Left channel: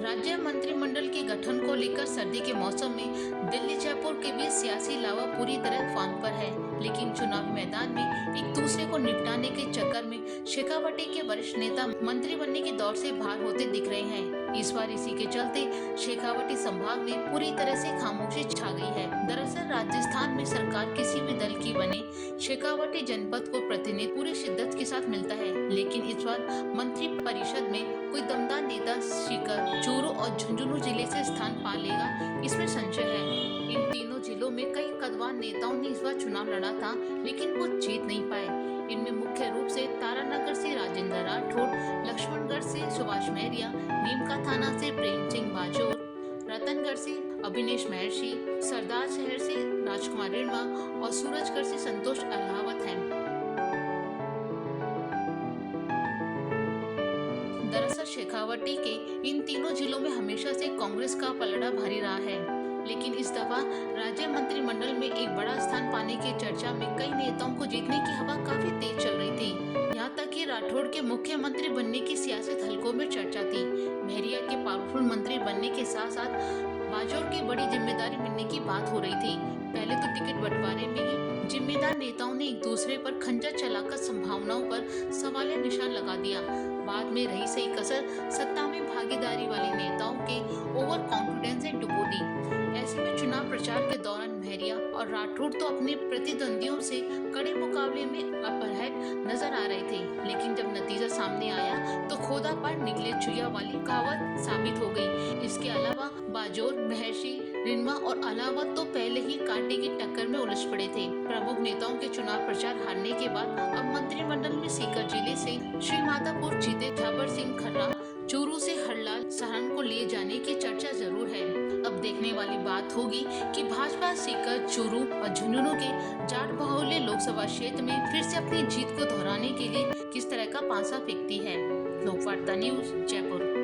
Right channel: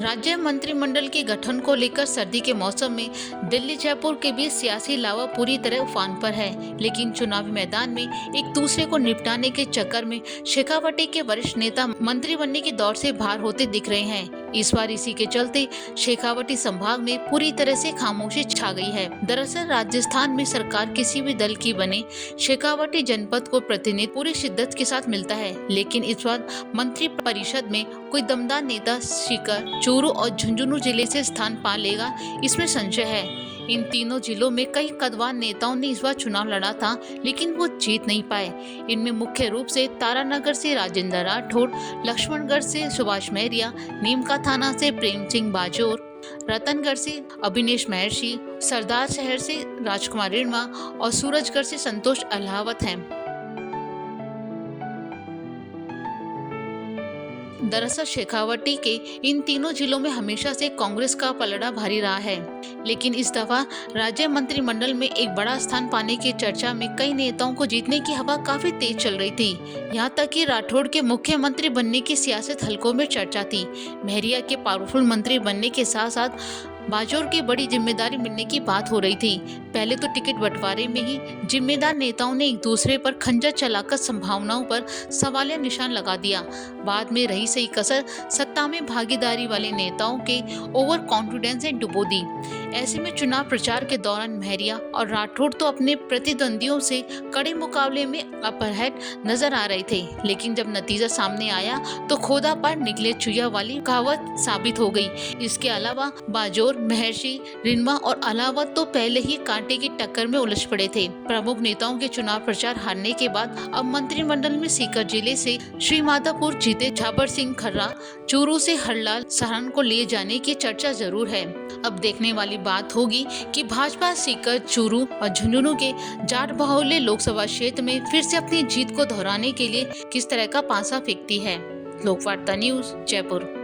राज्य मंत्रिमंडल के गठन को लेकर सर्दी के मौसम में दिल्ली जयपुर के बीच सियासी लावा पूरी तरह उफान पर है। लेकिन चुनावी मैदान में एक दूसरे को निपटाने के चक्कर में शेखावटी के वरिष्ठ नेता मंत्री बनने की दौड़ से बाहर होते दिख रहे हैं। इस बार इसी के चलते शेखावटी संभाग में पूरी तरह से खामोशी छा गई है। दरअसल राजस्थान में सरकार किसी भी दल की बने, शेखावटी जनपद को प्रतिनिधि पूरी शिद्दत के साथ मिलता है। लेकिन इस बार मंत्री परिषद में कोई दमदार नेता सीकर, चूरू और झुंझुनू जिले से स्थान पा लेगा, इसमें संशय है। इन तीनों जिलों में कई कद्दावर नेताओं ने इस बार चुनाव लड़ा था, लेकिन वो जीत नहीं पाए। इनमें मुख्य रूप से तारानगर से राजेंद्र राठौड़, लक्ष्मणगढ़ से सुभाष महरिया, नीमका थाना से प्रेम सिंह बाजोर, रतनगढ़ से अभिनेश महर्षि, सरदार शहर से राजकुमार रिणवा और सूरजगढ़ से संतोष अहलावत हैं। दरअसल शेखावटी के इन तीनों जिलों में हमेशा से कांग्रेस का पलड़ा भारी रहा है, लेकिन इस दफा राज्य मंत्रिमंडल में एक बड़ा स्थान पाने की चर्चा में कई नेताओं को जीतने की हवा काफी तेज चल रही थी। यहाँ तक कि राठौड़ के मुख्यमंत्री बनने की सियासत हलकों में चर्चा थी। महरिया के पावरफुल मंत्री बनने के साथ साथ बाजोर की बड़ी जिम्मेदारी मिलने की बात हो रही थी। पहले तो टिकट बंटवारे में ही जिम्मेदार नेताओं ने एक दूसरे पर खंजर चलाकर संभावनाओं पर सवालिया निशान लगा दिया। बाद में रही सही कसर सत्ता में भागीदारी वाले नेताओं के ओवर कॉन्फिडेंस ने डुबो दी। ऐसे में चुनाव प्रचार के दौरान महरिया और राठौड़ तो अपने प्रतिद्वंदियों से कड़े मुकाबले में अपर हैंड नजर आ रहे थे, लेकिन जब नतीजा सामने आया तो खोदा पर निकले चुया वाली कहावत साबित हो गई। इसके अलावा बाजोर, महर्षि, रिणवा और अलावत तो पहले ही कांटे की टक्कर में उलझ पड़े थे। प्रमुख नेताओं के चुनाव प्रचार हारने के बाद अब मंत्रिमंडल में सीकर जिले से श्री माधोपुर जीते झाबर सिंह खर्रा, चूरू से हरलाल सरन को लिए जाने की चर्चा जरूर है। अब देखने वाली बात होगी कि भाजपा सीकर, चूरू और झुंझुनू के जाट बाहुल्य लोकसभा क्षेत्र में फिर से अपनी जीत को दोहराने के लिए किस तरह का पासा फेंकती है। लोकवार्ता न्यूज, जयपुर।